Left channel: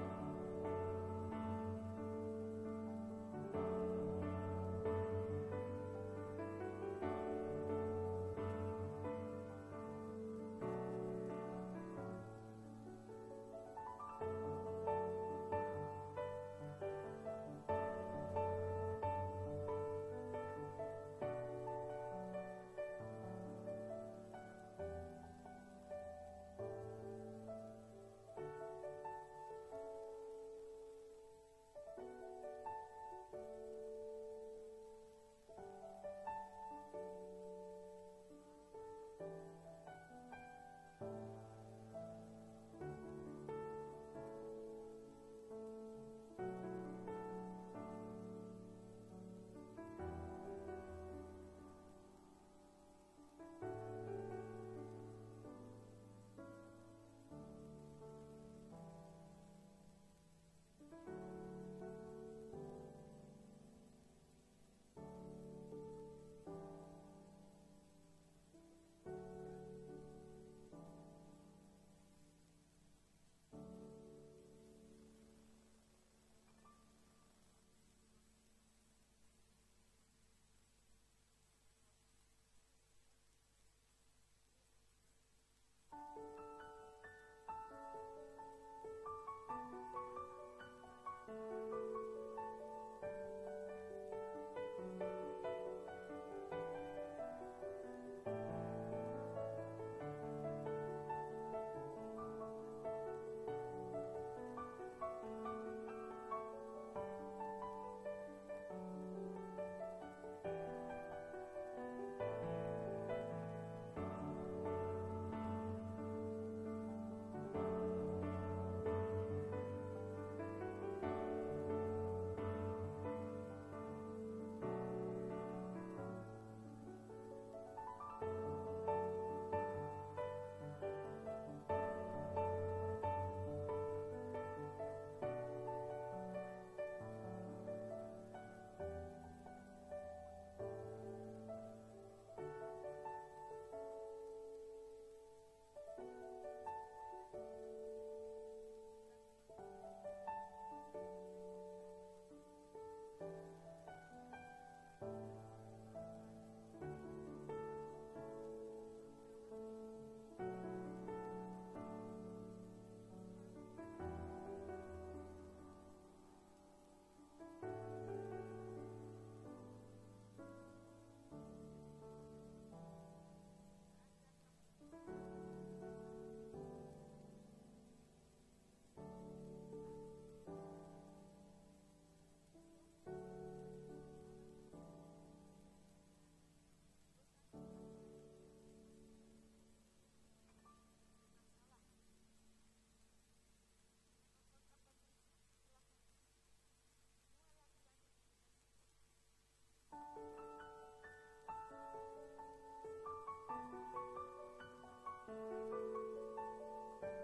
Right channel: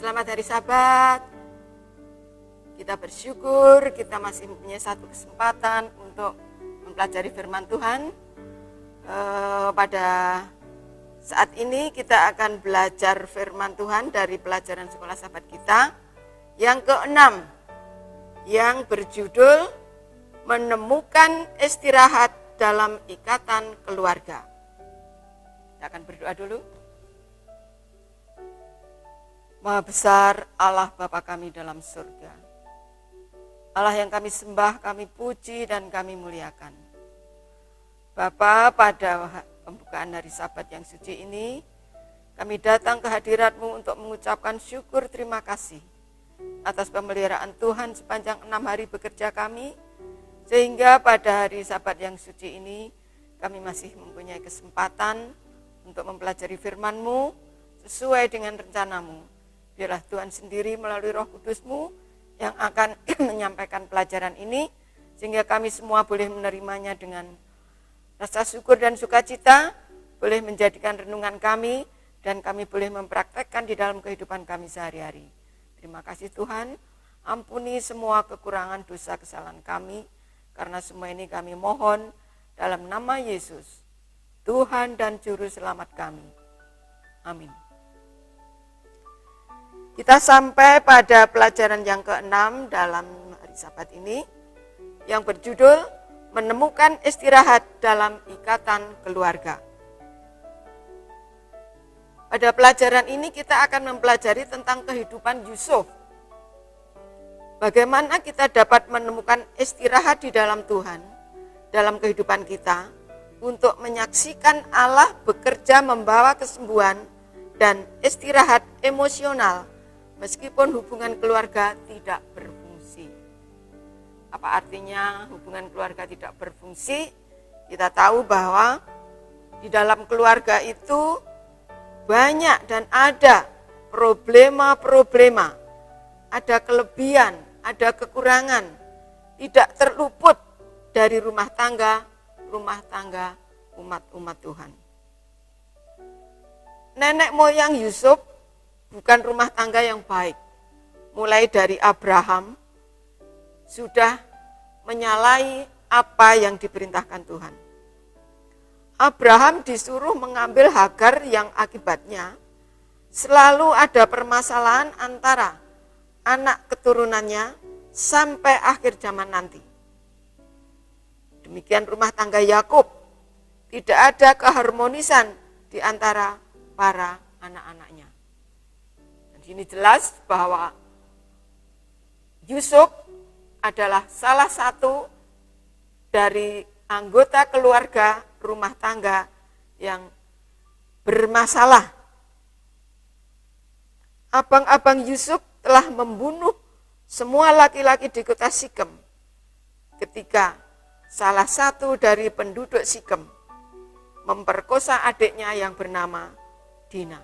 Selamat hari Sabat. Kita bersyukur kita masih mempunyai satu kesempatan untuk mempelajari firman Tuhan. Pada saat ini kita akan belajar firman Tuhan dari pelajaran sekolah sahabat kita yang ke-6 yang berjudul Menemukan Istirahat dalam Ikatan Keluarga. Kita akan berdoa dulu. Maha besar Allah Bapa kami dalam surga. Allah yang kami sembah, kami puji dan kami muliakan. Bapa, pada pembukaan hari Sabat yang suci ini, kami datang ke hadirat-Mu untuk mengucapkan syukur terima kasih atas pemeliharaan Tuhan sepanjang 6 hari bekerja kami, sehingga pada hari Sabat yang suci ini, kami masih mempunyai kesempatan untuk mempelajari firman-Mu sesuai dengan rencana-Mu. Biarlah Tuhan sendiri melalui Roh Kudus-Mu yang akan menyampaikan pelajaran ini, sehingga kami semua boleh menerimanya dengan rasa syukur dan sukacita, boleh menjadikan renungan kami, dan kami boleh mempraktekkan di dalam kehidupan kami sehari-hari. Terima kasih Tuhan, ampuni semua kekurangan dosa kesalahan kami, karena semua ini kami mohon dalam nama Yesus, Tuhan dan Juru Selamat kami. Amin. Kita sampai pada pelajaran yang ke-6 dalam hari Sabat ini yang berjudul Menemukan Istirahat dalam Ikatan Keluarga. Pada pelajaran ini kita akan mempelajari tentang kehidupan Yusuf. Bagaimana kita dapat menemukan istirahat di dalam Tuhan, dalam kehidupan kita, untuk menyaksikan Allah bekerja membawa kesembuhan dan istirahat emosional meskipun hubungan keluarga tidak berfungsi. Apa artinya hubungan keluarga tidak berfungsi? Kita tahu bahwa di dalam keluarga itu banyak dan ada problema-problema, ada kelebihan, ada kekurangan, tidak terluput dari rumah tangga umat-umat Tuhan. Nenek moyang Yusuf bukan rumah tangga yang baik. Mulai dari Abraham sudah menyalahi apa yang diperintahkan Tuhan. Abraham disuruh mengambil Hagar yang akibatnya selalu ada permasalahan antara anak keturunannya sampai akhir zaman nanti. Demikian rumah tangga Yakub, tidak ada keharmonisan di antara para anak-anaknya. Ini jelas bahwa Yusuf adalah salah satu dari anggota keluarga rumah tangga yang bermasalah. Abang-abang Yusuf telah membunuh semua laki-laki di kota Sikem ketika salah satu dari penduduk Sikem memperkosa adiknya yang bernama Dina.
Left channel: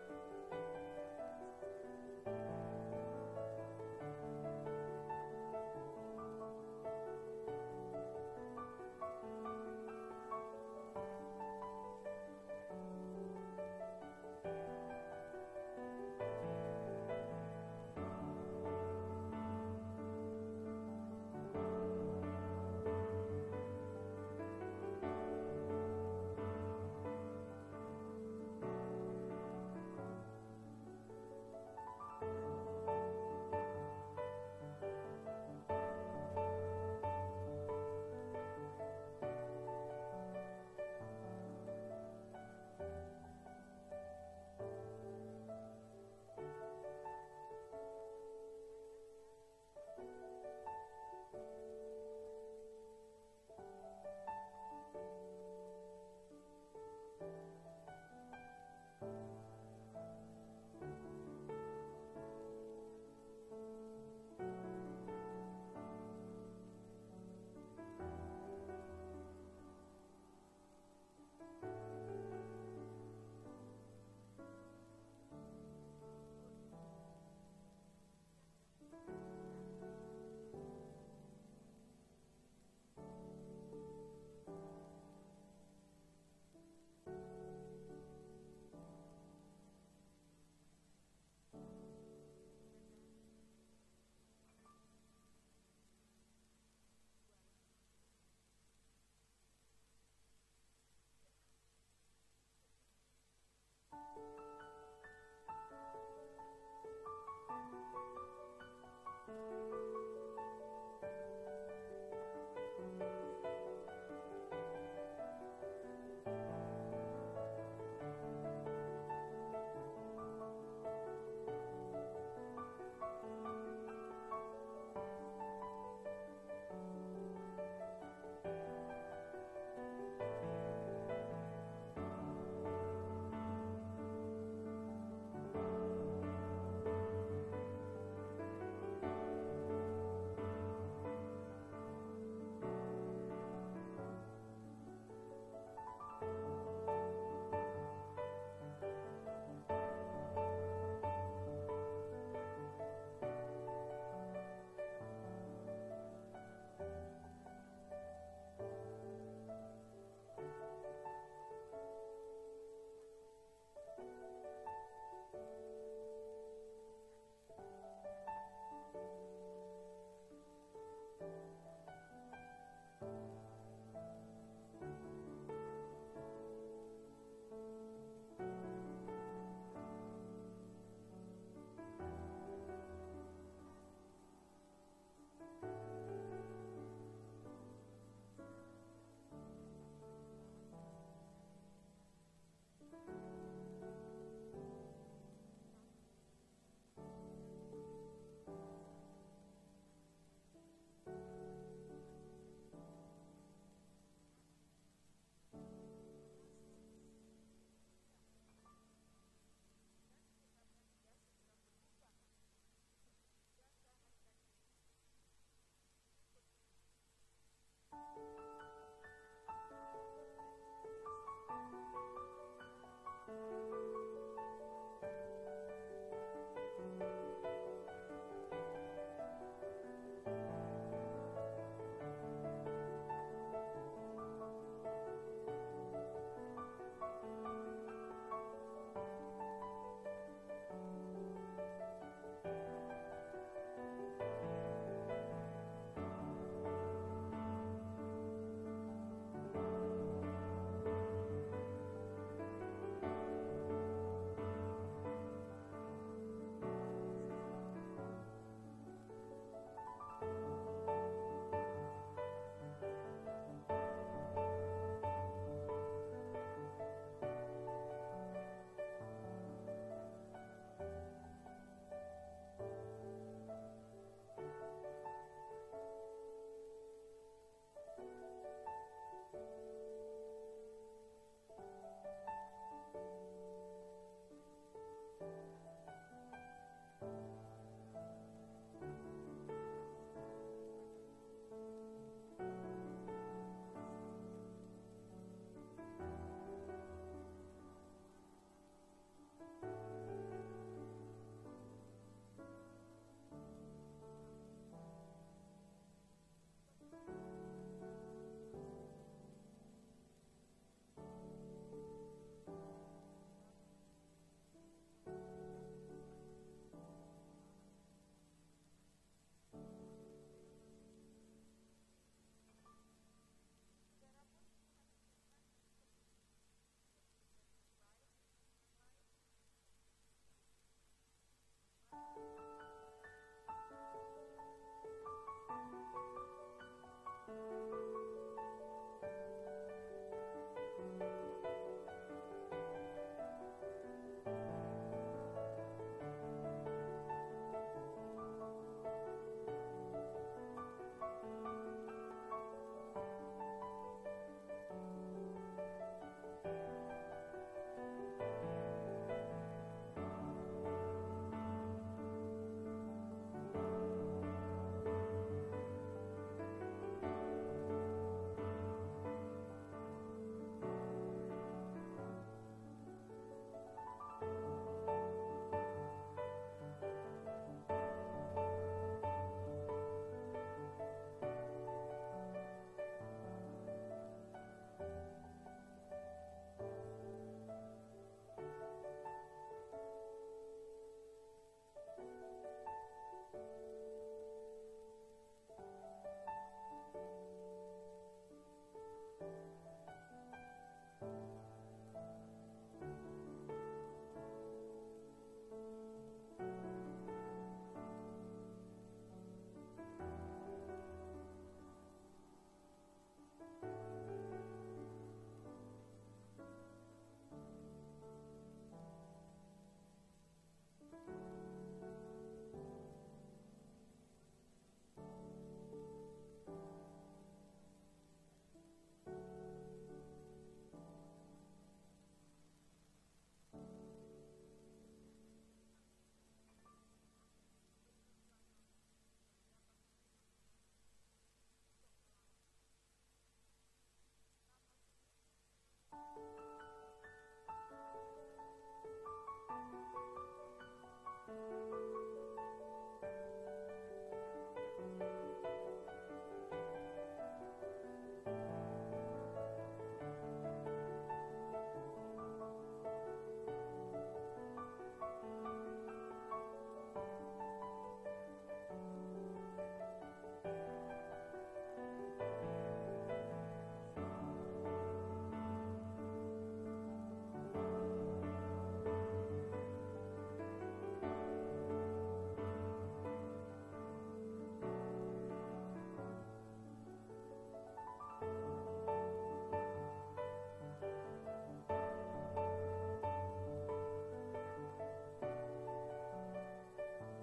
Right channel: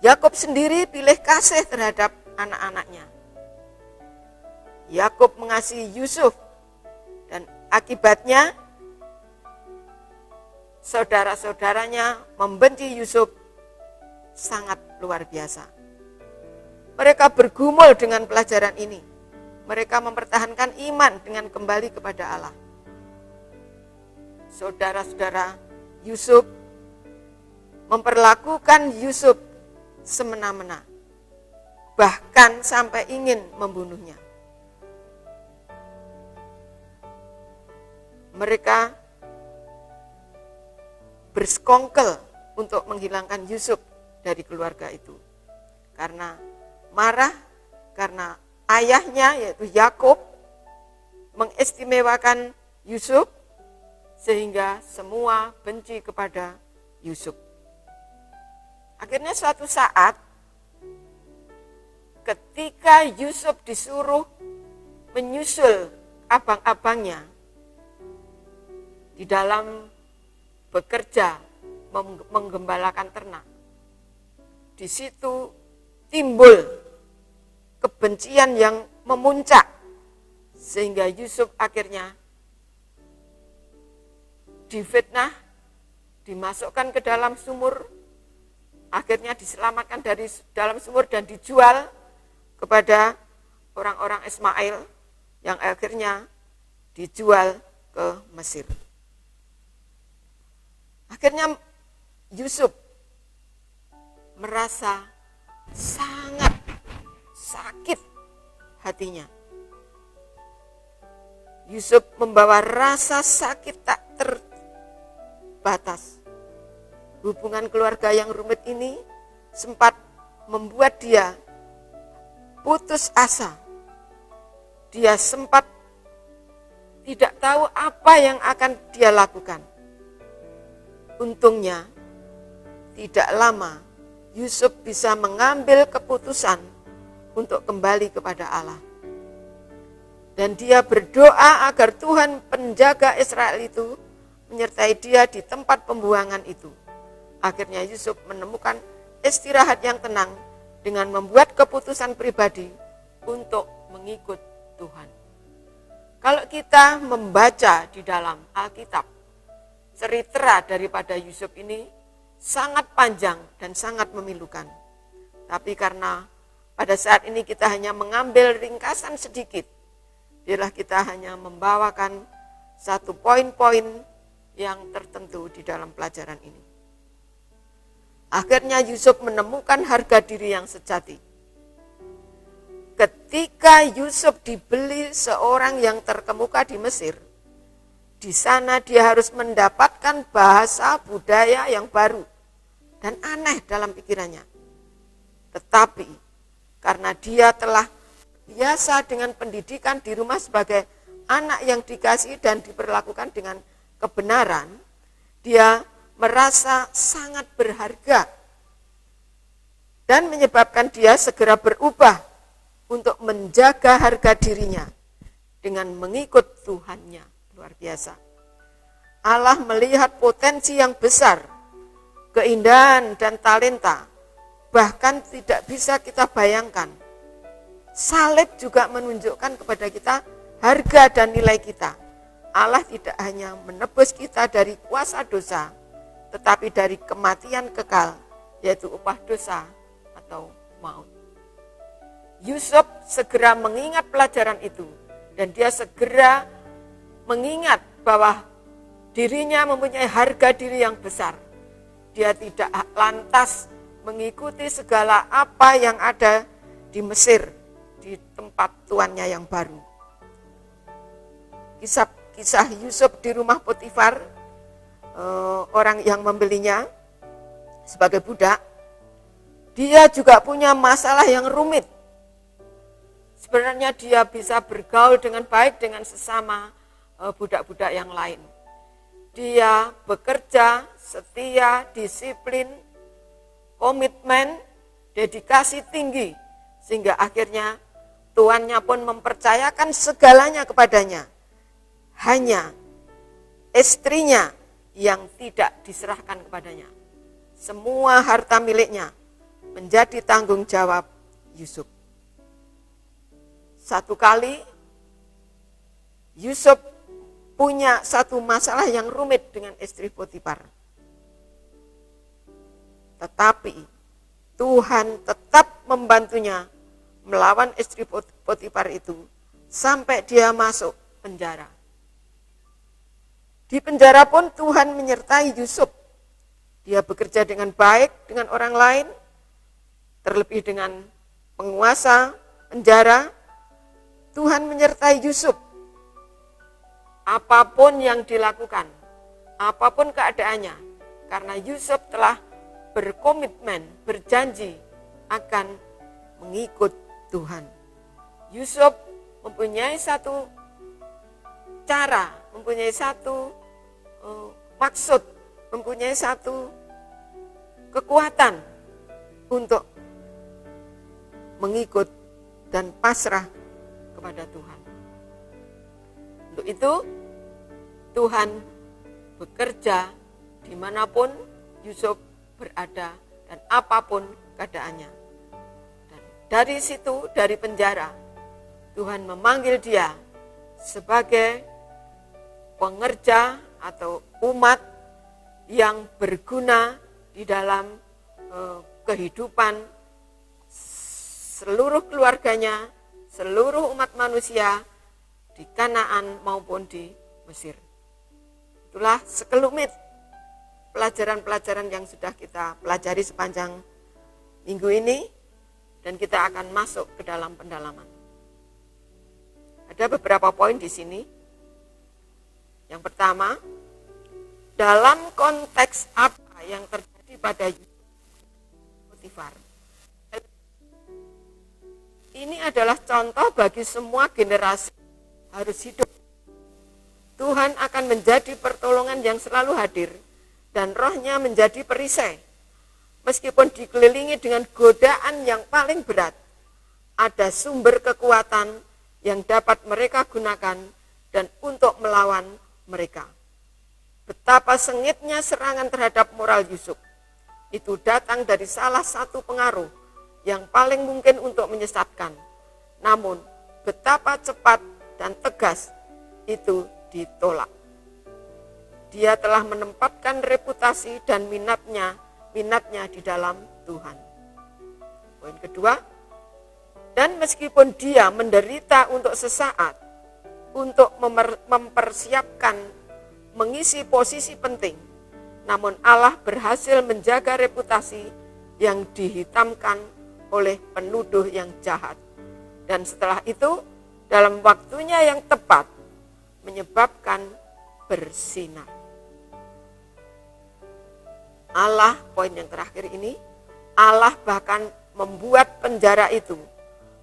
Yakub sendiri pilih kasih terhadap anak-anaknya. Yakub mengasihi Yusuf dan akibatnya saudara-saudaranya membenci Yusuf sangat luar biasa. Mereka bergumul dengan pelajaran ini. Mereka mempertahankan iman dengan kembali kepada Allah. Saudara-saudara Yusuf memperlakukan Yusuf semena-mena, bahkan sampai ingin membunuhnya. Mereka bersekongkol untuk menghilangkan Yusuf dari keluarga itu, karena marah karena ayahnya yaitu Yakub mengistimewakan Yusuf, sehingga semua benci kepada Yusuf. Akhirnya suatu saat ketika Yusuf disuruh menyusul abang-abangnya di dalam bekerja menggembalakan ternak, di situ timbul kebencian yang memuncak sehingga Yusuf akhirnya difitnah, dimasukkan ke dalam sumur, akhirnya diselamatkan dari dalam sumur dan dijual kepada orang-orang Ismail yang akhirnya dijual ke Mesir. Akhirnya Yusuf merasa sangat sakit hatinya. Yusuf membawa rasa sakit tak terbatas. Hubungan keluarga yang rumit ini sempat membuat dia putus asa. Dia sempat tidak tahu apa yang akan dia lakukan. Untungnya, tidak lama Yusuf bisa mengambil keputusan untuk kembali kepada Allah. Dan dia berdoa agar Tuhan penjaga Israel itu menyertai dia di tempat pembuangan itu. Akhirnya Yusuf menemukan istirahat yang tenang dengan membuat keputusan pribadi untuk mengikut Tuhan. Kalau kita membaca di dalam Alkitab, cerita daripada Yusuf ini sangat panjang dan sangat memilukan. Tapi karena pada saat ini kita hanya mengambil ringkasan sedikit, biarlah kita hanya membawakan satu poin-poin yang tertentu di dalam pelajaran ini. Akhirnya Yusuf menemukan harga diri yang sejati. Ketika Yusuf dibeli seorang yang terkemuka di Mesir, di sana dia harus mendapatkan bahasa budaya yang baru dan aneh dalam pikirannya. Tetapi karena dia telah biasa dengan pendidikan di rumah sebagai anak yang dikasihi dan diperlakukan dengan kebenaran, dia merasa sangat berharga dan menyebabkan dia segera berubah untuk menjaga harga dirinya dengan mengikut Tuhannya. Luar biasa. Allah melihat potensi yang besar, keindahan dan talenta, bahkan tidak bisa kita bayangkan. Salib juga menunjukkan kepada kita harga dan nilai kita. Allah tidak hanya menebus kita dari kuasa dosa, tetapi dari kematian kekal, yaitu upah dosa atau maut. Yusuf segera mengingat pelajaran itu, dan dia segera mengingat bahwa dirinya mempunyai harga diri yang besar. Dia tidak lantas mengikuti segala apa yang ada di Mesir, di tempat tuannya yang baru. Kisah Yusuf di rumah Potifar, orang yang membelinya sebagai budak, dia juga punya masalah yang rumit. Sebenarnya dia bisa bergaul dengan baik dengan sesama budak-budak yang lain. Dia bekerja, setia, disiplin, komitmen, dedikasi tinggi, sehingga akhirnya tuannya pun mempercayakan segalanya kepadanya. Hanya istrinya yang tidak diserahkan kepadanya. Semua harta miliknya menjadi tanggung jawab Yusuf. Satu kali Yusuf punya satu masalah yang rumit dengan istri Potifar. Tetapi Tuhan tetap membantunya melawan istri Potifar itu sampai dia masuk penjara. Di penjara pun Tuhan menyertai Yusuf. Dia bekerja dengan baik dengan orang lain, terlebih dengan penguasa penjara. Tuhan menyertai Yusuf. Apapun yang dilakukan, apapun keadaannya, karena Yusuf telah berkomitmen, berjanji akan mengikut Tuhan. Yusuf mempunyai satu cara, mempunyai satu maksud, mempunyai satu kekuatan untuk mengikut dan pasrah kepada Tuhan. Untuk itu Tuhan bekerja dimanapun Yusuf berada dan apapun keadaannya. Dan dari situ, dari penjara, Tuhan memanggil dia sebagai pengerja atau umat yang berguna di dalam kehidupan seluruh keluarganya, seluruh umat manusia di Kanaan maupun di Mesir. Itulah sekelumit pelajaran-pelajaran yang sudah kita pelajari sepanjang minggu ini, dan kita akan masuk ke dalam pendalaman. Ada beberapa poin di sini. Yang pertama, dalam konteks apa yang terjadi pada Potifar. Ini adalah contoh bagi semua generasi harus hidup. Tuhan akan menjadi pertolongan yang selalu hadir dan rohnya menjadi perisai. Meskipun dikelilingi dengan godaan yang paling berat, ada sumber kekuatan yang dapat mereka gunakan dan untuk melawan mereka. Betapa sengitnya serangan terhadap moral Yusuf. Itu datang dari salah satu pengaruh yang paling mungkin untuk menyesatkan. Namun, betapa cepat dan tegas itu ditolak. Dia telah menempatkan reputasi dan minatnya di dalam Tuhan. Poin kedua, dan meskipun dia menderita untuk sesaat, untuk mempersiapkan mengisi posisi penting, namun Allah berhasil menjaga reputasi yang dihitamkan oleh penuduh yang jahat. Dan setelah itu, dalam waktunya yang tepat, menyebabkan bersinar. Allah, poin yang terakhir ini, Allah bahkan membuat penjara itu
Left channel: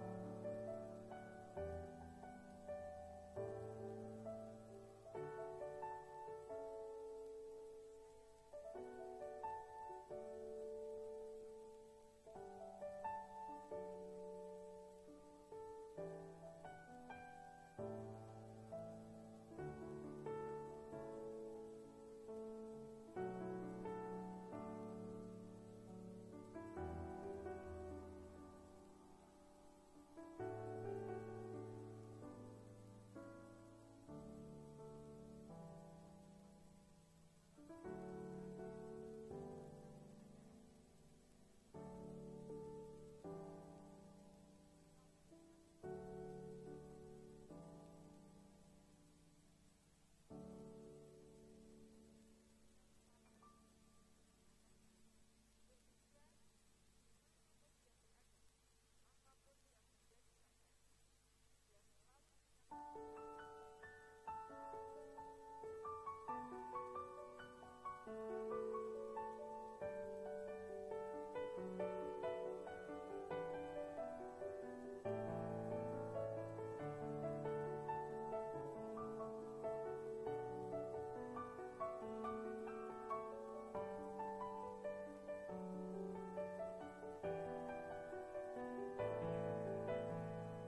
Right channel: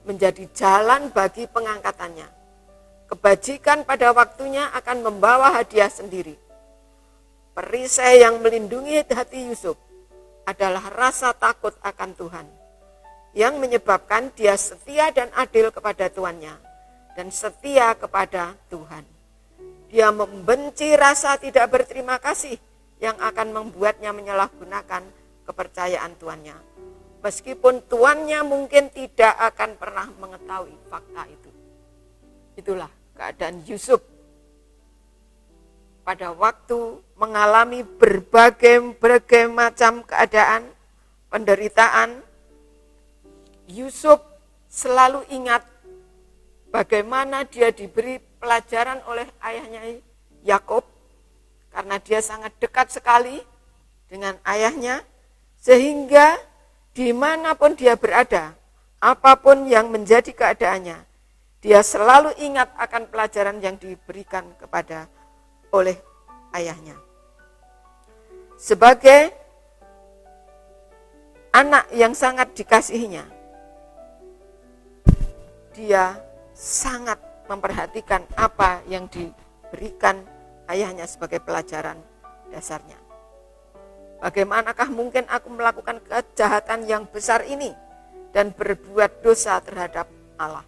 menjadi jalan bagi pengangkatannya. Kebajikan pada waktunya akan membawa hadiah sendiri. Perisai yang melindungi hati Yusuf adalah rasa takut akan Tuhan, yang menyebabkan dia setia dan adil kepada tuannya dan setia kepada Tuhan. Dia membenci rasa tidak berterima kasih yang akan membuatnya menyalahgunakan kepercayaan tuannya. Meskipun tuannya mungkin tidak akan pernah mengetahui fakta itu. Itulah keadaan Yusuf pada waktu mengalami berbagai macam keadaan, penderitaan. Yusuf selalu ingat bagaimana dia diberi pelajaran oleh ayahnya Yakub, karena dia sangat dekat sekali dengan ayahnya, sehingga dimanapun dia berada, apapun yang menjadi keadaannya, dia selalu ingat akan pelajaran yang diberikan kepada oleh ayahnya. Sebagai anak yang sangat dikasihinya, dia sangat memperhatikan apa yang diberikan ayahnya sebagai pelajaran dasarnya. Bagaimanakah mungkin aku melakukan kejahatan yang besar ini dan berbuat dosa terhadap Allah?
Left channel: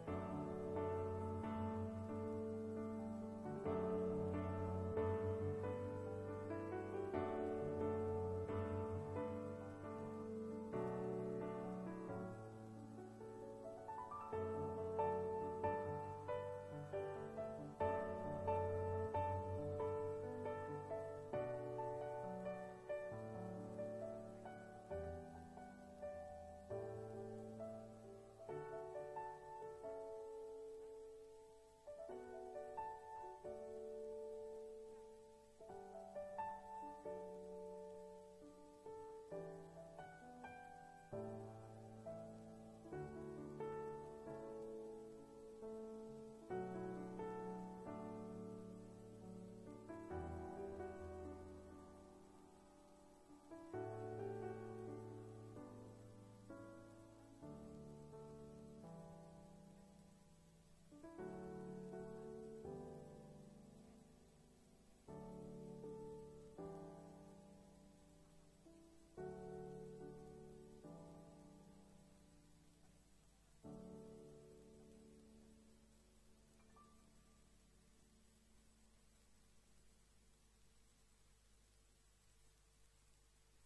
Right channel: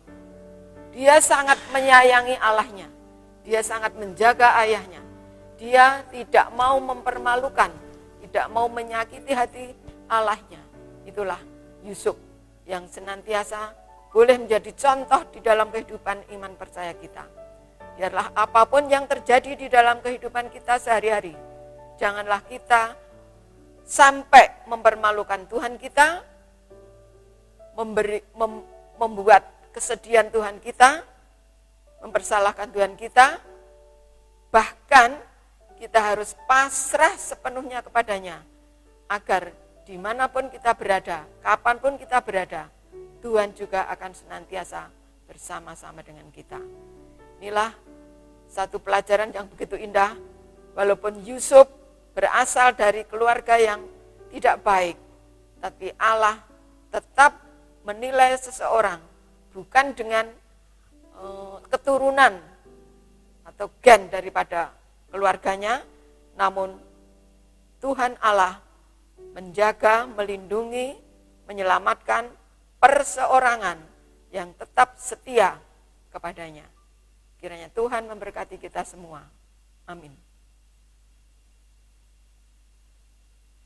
Dia sangat menyayangi Allahnya. Dia sangat menjaga ayahnya. Dia tidak mau mempermalukan, tidak mau menyakiti hati Allahnya. Itulah Yusuf yang senantiasa boleh menjadi contoh di dalam kehidupan iman percaya kita. Biarlah apapun yang terjadi di dalam kehidupan kita sehari-hari, janganlah kita sampai mempermalukan Tuhan kita, membuat kesedihan Tuhan kita, mempersalahkan Tuhan kita. Bahkan kita harus pasrah sepenuhnya kepadanya, agar dimanapun kita berada, kapanpun kita berada, Tuhan juga akan senantiasa bersama-sama dengan kita. Inilah satu pelajaran yang begitu indah. Walaupun Yusuf berasal dari keluarga yang tidak baik, tapi Allah tetap menilai seseorang bukan dengan keturunan atau gen daripada keluarganya, namun Tuhan Allah menjaga, melindungi, menyelamatkan perseorangan yang tetap setia kepadanya. Kiranya Tuhan memberkati kita semua. Amin.